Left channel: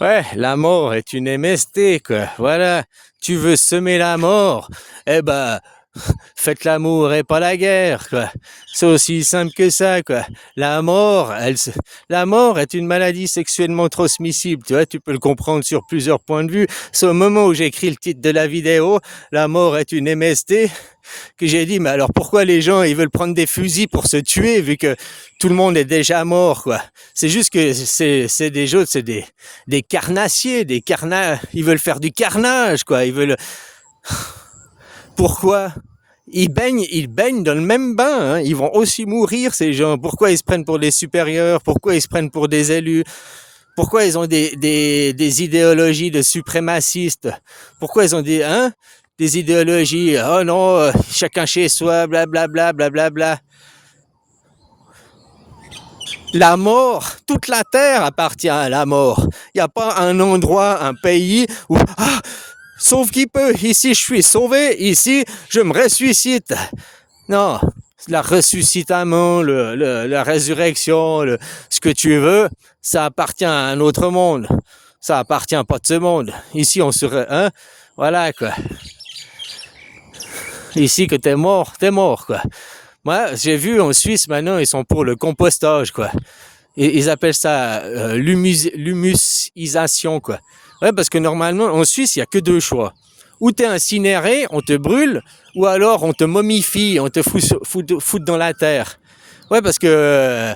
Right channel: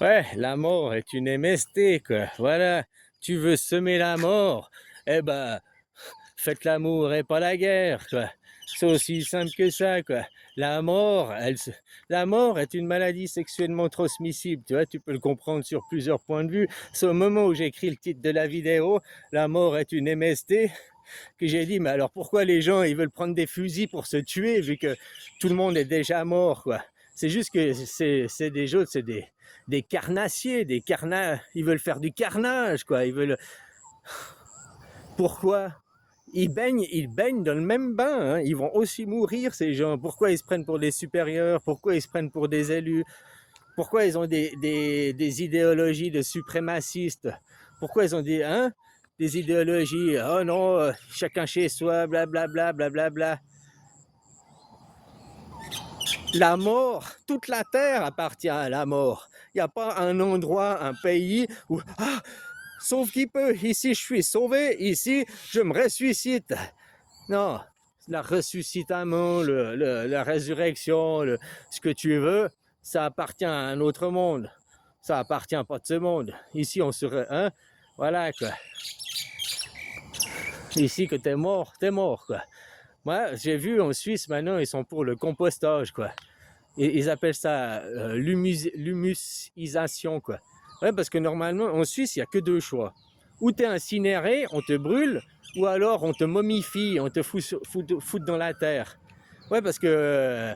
Ouais, la mort est une MST, quoi. Voilà. Tu veux semer la mort? Eh ben, faites l'amour et pas la guerre, quoi. C'est aussi simple que ça, quoi. La mort, la mort est une maladie sexuellement transmissible. Tu vois, tu peux le comprendre sur plusieurs points de vue. C'est au moment où j'écris le titre de la vidéo, la mort est une MST, que j'ai dit, mais alors pourquoi les gens, ils veulent prendre des fusils pour se tuer, vu que tout le monde est déjà mort, quoi. C'est juste que c'est des jeux, c'est des carnassiers, ils veulent faire du carnage, quoi. Ils veulent, pourquoi? Ils baignent dans le même bain, hein. Ils vont aussi mourir, ces gens. Pourquoi ils se prennent pour des supérieurs? Pourquoi ils se prennent pour des élus? Pourquoi ils ont des idéologies de suprémacistes? Pourquoi ils ont des idéologies, oh non, chacun chez soi, blablabla, blablabla. La mort, toute la terre appartient à la mort. Il n'y a pas un endroit, un pays où, sauve qui peut, ici je suis sauvé, ici je me ressuscite. Non, la ressuscitation, la résurrection, ce que tu veux, ça appartient à un autre monde. Ça appartient pas de ce monde. Ici, on serait, hein, voilà, quoi. Ici, que t'es mort, quoi. Moi, j'ai vu en Suisse, maintenant, ils sont pour le compostage, quoi. Et ils appellent ça l'humusisation, quoi. Ouais, parce que normalement, en Suisse, il n'y a que deux choix. Ou t'es incinéré, on te brûle, ou alors on te momifie, on te fout dans la terre. Ouais, parce que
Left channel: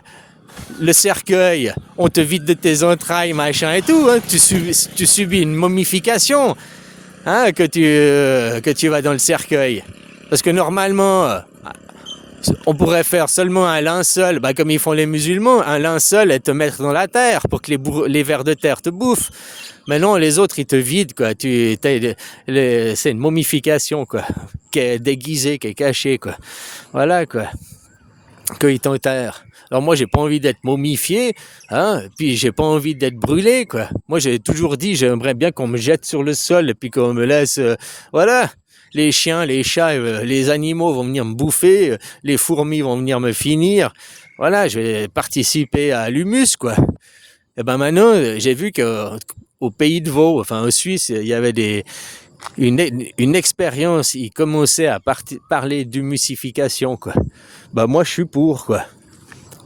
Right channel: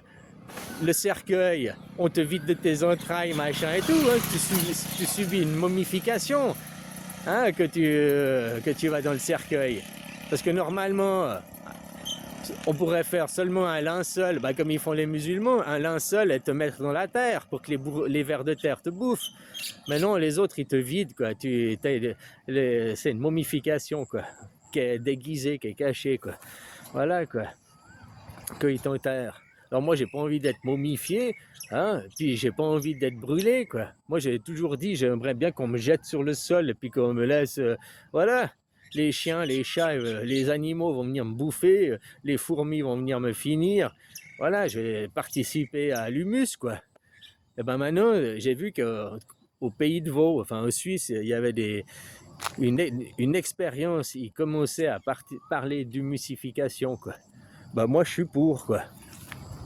le cercueil, on te vide de tes entrailles, machin et tout, hein. Tu subis une momification, hein, que tu vas dans le cercueil. Parce que normalement, on pourrait faire seulement un linceul, comme ils font les musulmans, un linceul et te mettre dans la terre pour que les vers de terre te bouffent. Mais non, les autres, ils te vident, quoi. C'est une momification, quoi, qui est déguisée, qui est cachée, quoi. Voilà, quoi, qu'ils t'enterrent. Alors moi, j'ai pas envie d'être momifié, hein, puis j'ai pas envie d'être brûlé, quoi. Moi, j'ai toujours dit, j'aimerais bien qu'on me jette sur le sol et puis qu'on me laisse, voilà. Les chiens, les chats, les animaux vont venir me bouffer, les fourmis vont venir me finir. Voilà, je vais participer à l'humus, quoi. Et ben maintenant, j'ai vu qu'au pays de Vaud, enfin en Suisse, il y avait une expérience, ils commençaient à parler d'humusification, quoi. Ben moi, je suis pour, quoi.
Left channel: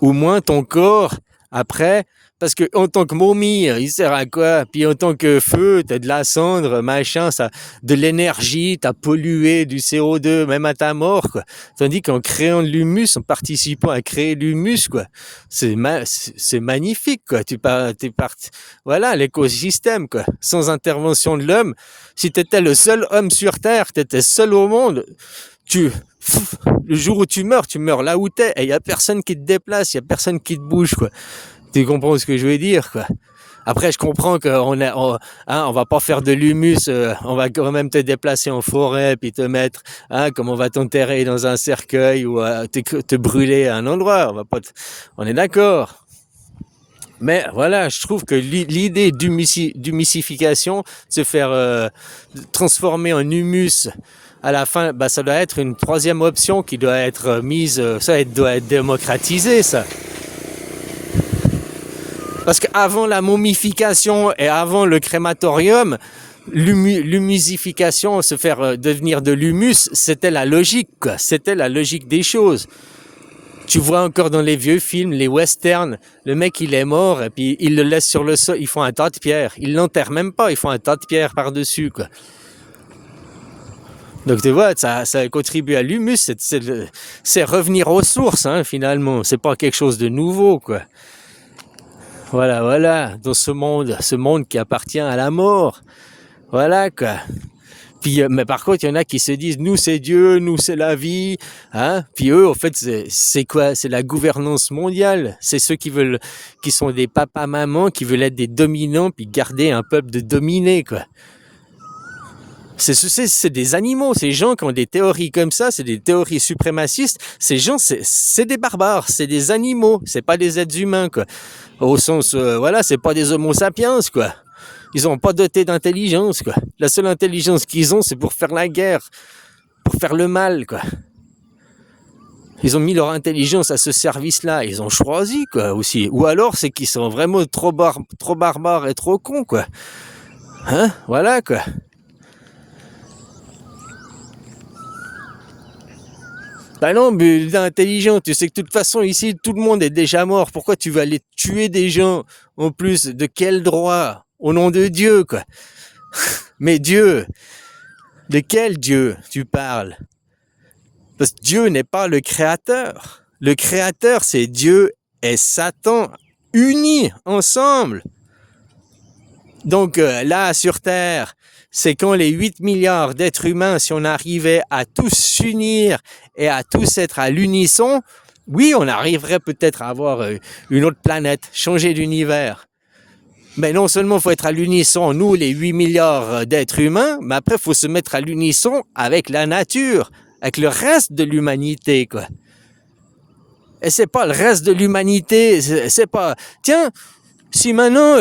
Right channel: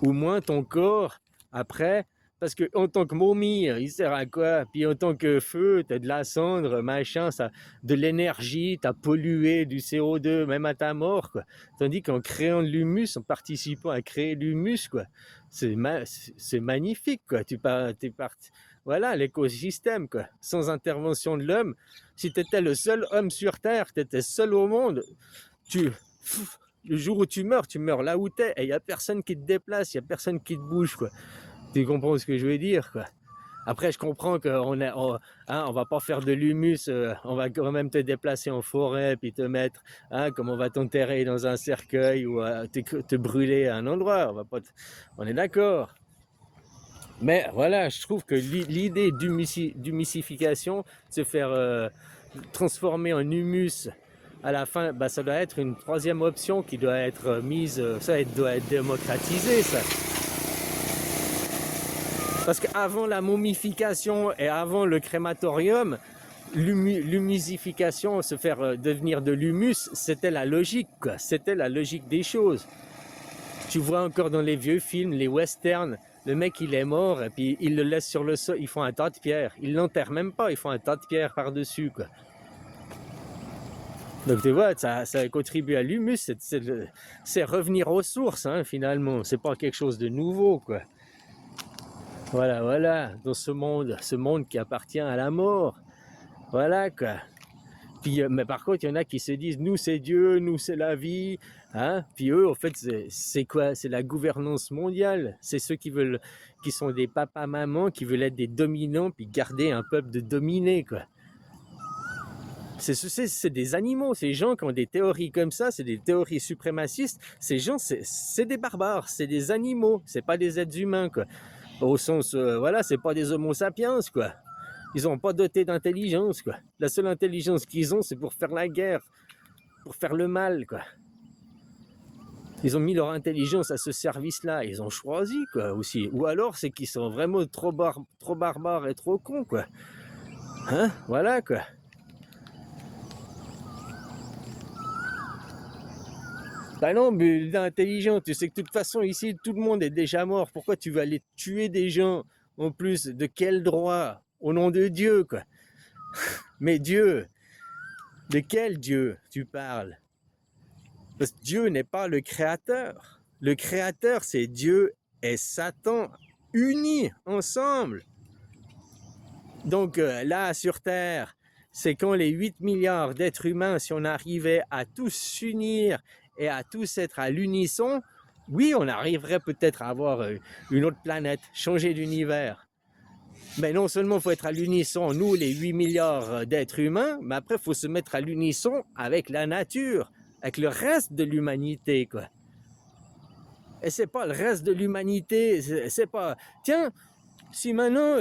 Au moins ton corps, après, parce que en tant que momie, il sert à quoi? Puis en tant que feu, t'as de la cendre, machin, ça, de l'énergie, t'as pollué du CO2, même à ta mort, quoi. Tandis qu'en créant de l'humus, en participant à créer l'humus, quoi, c'est magnifique, quoi. T'es parti, voilà, l'écosystème, quoi. Sans intervention de l'homme, si t'étais le seul homme sur Terre, t'étais seul au monde, tu, le jour où tu meurs là où t'es, et il y a personne qui te déplace, il y a personne qui te bouge, quoi. Tu comprends ce que je veux dire, quoi. Après, je comprends on va pas faire de l'humus, on va quand même te déplacer en forêt, puis te mettre, comme on va t'enterrer dans un cercueil ou te brûler à un endroit. On est d'accord. Mais voilà, je trouve que l'idée d'humissification, se faire transformer en humus à la fin, ça doit être une troisième option qui doit être mise, doit être démocratisé, ça. Parce qu'avant la momification et avant le crématorium, l'humusification, se faire devenir de l'humus, c'était la logique, quoi. C'était la logique des choses. Tu vois encore dans les vieux films, les westerns, le mec il est mort et puis ils le laissent sur le sol, ils font un tas de pierres. Ils l'enterrent même pas, ils font un tas de pierres par-dessus, quoi. Donc tu vois, ça contribue à l'humus, c'est revenir aux sources, hein, finalement. C'est pas quelque chose de nouveau, quoi. Voilà, dans ce monde qui appartient à la mort. Voilà, quoi. Puis, mais par contre, il y en a qui se disent, nous c'est Dieu, nous c'est la vie, hein. Puis eux, en fait, c'est quoi? C'est la gouvernance mondiale. C'est ceux qui sont des papas-mamans, qui veulent être des dominants, puis garder un peuple de dominés, quoi. C'est des animaux, ces gens qui ont des théories comme ça, c'est des théories suprémacistes. Ces gens, c'est des barbares, c'est des animaux, c'est pas des êtres humains, quoi. Au sens, voilà, c'est pas des homo sapiens, quoi. Ils ont pas doté d'intelligence, quoi. La seule intelligence qu'ils ont, c'est pour faire la guerre, pour faire le mal, quoi. Ils ont mis leur intelligence à ce service-là. Ils ont choisi, quoi, aussi. Ou alors, c'est qu'ils sont vraiment trop barbares et trop cons, quoi. Hein? Voilà, quoi. Bah non, mais intelligent, tu sais que de toute façon, ici, tout le monde est déjà mort. Pourquoi tu vas aller tuer des gens, en plus? De quel droit? Au nom de Dieu, quoi. Mais Dieu, de quel Dieu tu parles? Parce que Dieu n'est pas le créateur. Le créateur, c'est Dieu et Satan unis ensemble. Donc là, sur Terre, c'est quand les 8 milliards d'êtres humains, si on arrivait à tous s'unir et à tous être à l'unisson, oui, on arriverait peut-être à avoir une autre planète, changer d'univers. Mais non seulement il faut être à l'unisson, nous, les 8 milliards d'êtres humains, mais après, il faut se mettre à l'unisson avec la nature, avec le reste de l'humanité, quoi. Et c'est pas le reste de l'humanité, c'est pas... Tiens, si maintenant,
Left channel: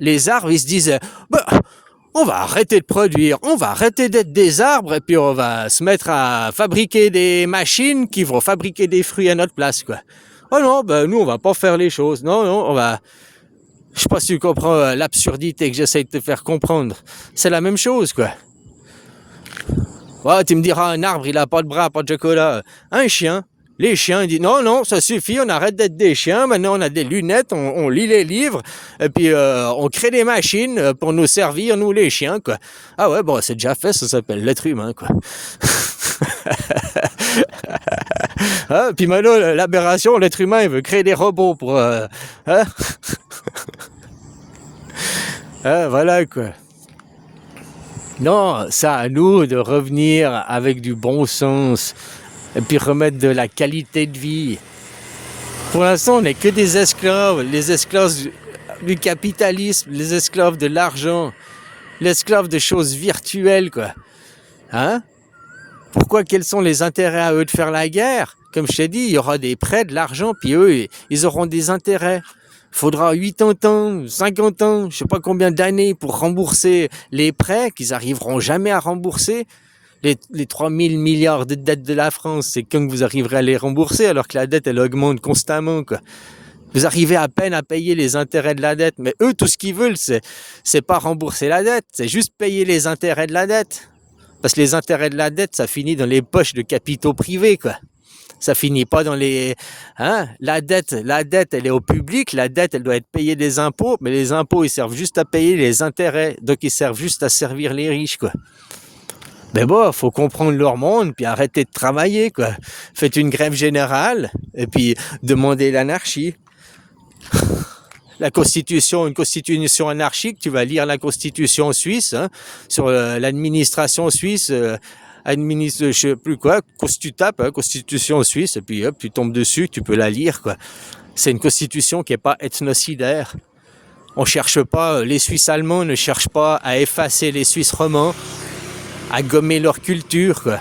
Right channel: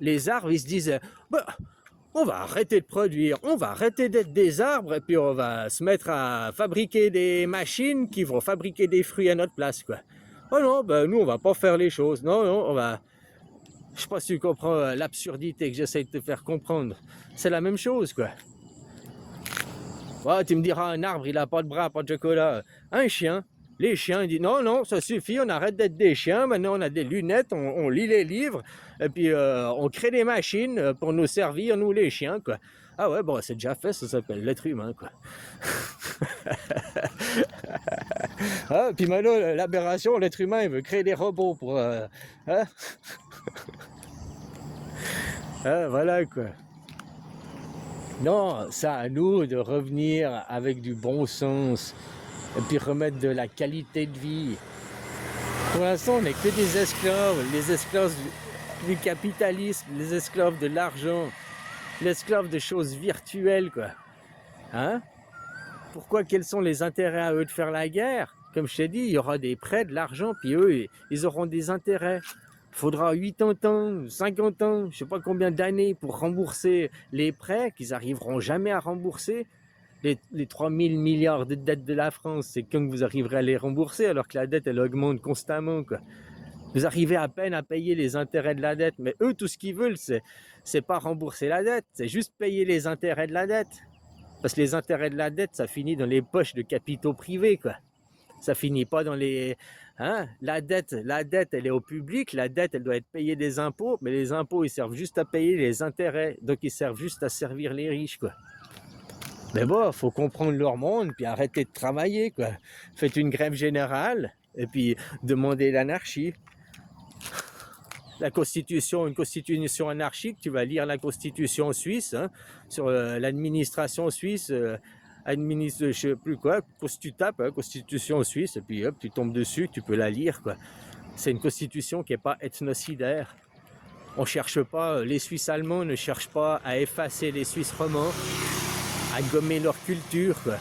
les arbres, ils se disent, bah, on va arrêter de produire, on va arrêter d'être des arbres, et puis on va se mettre à fabriquer des machines qui vont fabriquer des fruits à notre place, quoi. Oh non, ben nous, on va pas faire les choses. Non, on va... Je sais pas si tu comprends l'absurdité que j'essaie de te faire comprendre. C'est la même chose, quoi. Ouais, tu me diras, un arbre, il a pas de bras, pas de chocolat. Un chien, les chiens, ils disent, non, ça suffit, on arrête d'être des chiens, maintenant on a des lunettes, on lit les livres, et puis on crée des machines pour nous servir, nous les chiens, quoi. Ah ouais, bon, c'est déjà fait, ça s'appelle l'être humain, quoi. Hein, puis maintenant, l'aberration, l'être humain, il veut créer des robots pour... hein? Voilà, quoi. Non, c'est à nous de revenir avec du bon sens et puis remettre de la qualité de vie. Pour l'instant, on n'est que des esclaves, les esclaves du capitalisme, les esclaves de l'argent, les esclaves de choses virtuelles, quoi. Hein? Pourquoi? Quels sont les intérêts à eux de faire la guerre? Comme je t'ai dit, il y aura des prêts, de l'argent, puis eux, ils auront des intérêts. Il faudra 80 ans, 50 ans, je ne sais pas combien d'années pour rembourser les prêts qu'ils n'arriveront jamais à rembourser. Les 3000 milliards de dettes de la France, c'est quand vous arriverez à les rembourser alors que la dette, elle augmente constamment, quoi. Vous arrivez à peine à payer les intérêts de la dette, mais eux, tout ce qu'ils veulent, c'est pas rembourser la dette, c'est juste payer les intérêts de la dette. Parce que les intérêts de la dette, ça finit dans les poches de capitaux privés, quoi. Ça finit pas dans les... Hein? La dette, elle est au public. La dette, elle doit être payée des impôts. Mais les impôts, ils servent juste à payer les intérêts. Donc, ils servent juste à servir les riches, quoi. Mais bon, faut comprendre leur monde, puis arrêter de travailler, quoi. Faites une grève générale, et puis demandez l'anarchie. La Constitution, une Constitution anarchique, tu vas lire la Constitution suisse, hein, sur l'administration suisse... administre, je sais plus quoi, tu tapes, hein, Constitution suisse, et puis hop, tu tombes dessus, tu peux la lire, quoi. C'est une constitution qui n'est pas ethnocidaire. On cherche pas, les Suisses allemands ne cherchent pas à effacer les Suisses romands, à gommer leur culture, quoi.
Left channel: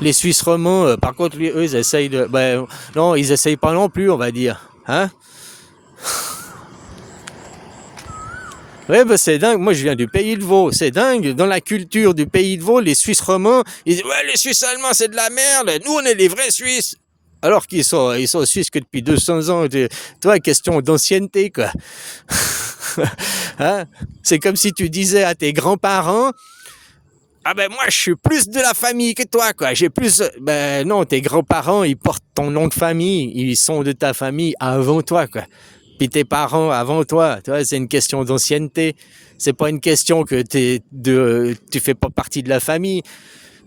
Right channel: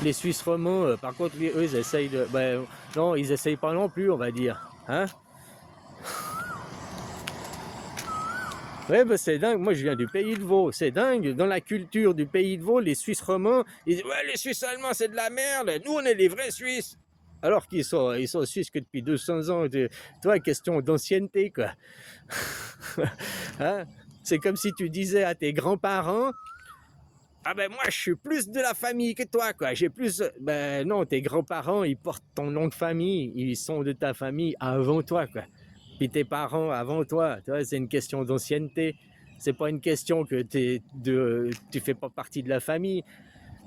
Les Suisses romands, par contre, eux, ils essayent de... Ben, non, ils essayent pas non plus, on va dire. Hein? Ouais, bah c'est dingue. Moi, je viens du Pays de Vaud. C'est dingue. Dans la culture du Pays de Vaud, les Suisses romands, ils disent, ouais, les Suisses allemands, c'est de la merde. Nous, on est les vrais Suisses. Alors qu'ils sont Suisses que depuis 200 ans. Toi, question d'ancienneté, quoi. Hein? C'est comme si tu disais à tes grands-parents, ah ben moi, je suis plus de la famille que toi, quoi. J'ai plus... Ben non, tes grands-parents, ils portent ton nom de famille. Ils sont de ta famille avant toi, quoi. Puis tes parents avant toi, tu vois, c'est une question d'ancienneté. C'est pas une question que tu fais pas partie de la famille.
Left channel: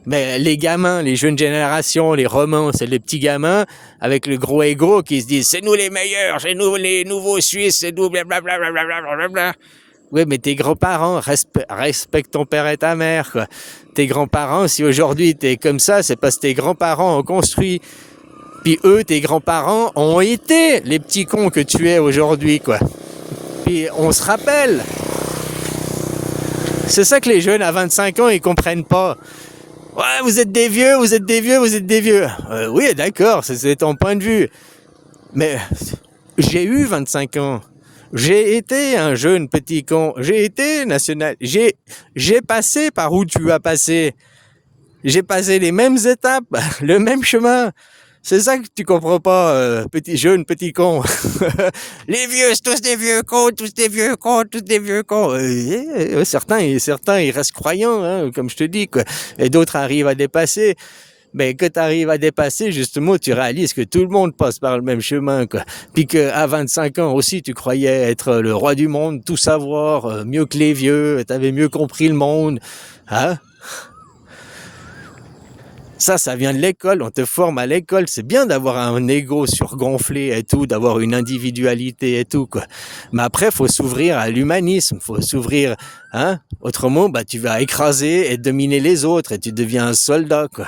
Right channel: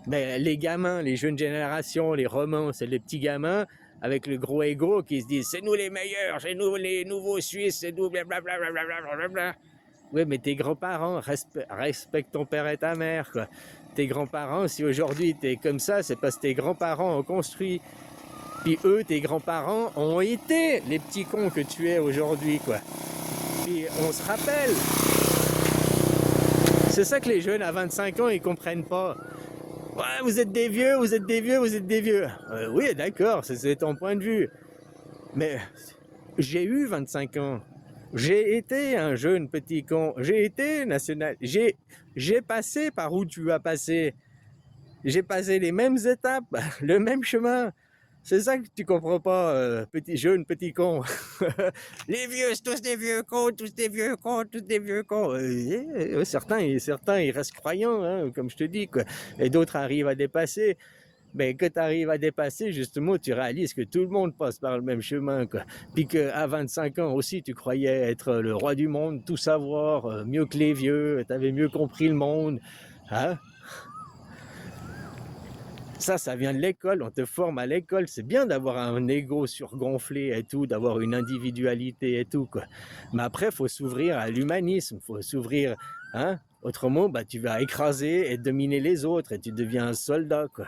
Mais les gamins, les jeunes générations, les romans, c'est les petits gamins avec le gros ego qui se disent c'est nous les meilleurs, c'est nous les nouveaux Suisses, c'est nous blablabla. Oui, mais tes grands-parents, respectent ton père et ta mère, quoi. Tes grands-parents, si aujourd'hui t'es comme ça, c'est parce que tes grands-parents ont construit. Puis eux, tes grands-parents, ont été les petits cons que tu es aujourd'hui, quoi. Puis on se rappelle. C'est ça que les jeunes à 25 ans, ils comprennent pas. Ouais, vous êtes des vieux, vous êtes des vieux, vous êtes des vieux. Oui, d'accord, c'est ton point de vue. Mais j'ai eu 25 ans. J'ai été un jeune petit con. J'ai été national. J'ai passé par où tu as passé. J'ai passé les mêmes étapes, le même chemin. C'est ça que tu comprends pas, petit jeune, petit con. Les vieux, c'est tous des vieux cons, tous des vieux cons, tous des vieux cons. Certains, ils restent croyants, hein, comme je te dis, quoi. Et d'autres arrivent à dépasser. Mais que tu arrives à dépasser, justement, tu réalises que tout le monde passe par le même chemin, quoi. Puis qu'à 25 ans aussi, tu croyais être le roi du monde, tout savoir, mieux que les vieux, tu avais mieux compris le monde. Hein? Ça vient de l'école, on te forme à l'école. C'est bien d'avoir un ego surgonflé et tout, d'avoir une individualité et tout, quoi. Mais après, faut s'ouvrir à l'humanisme, faut s'ouvrir, hein. Autrement, bah, tu vas écraser et dominer les autres et tu deviens un soldat, quoi.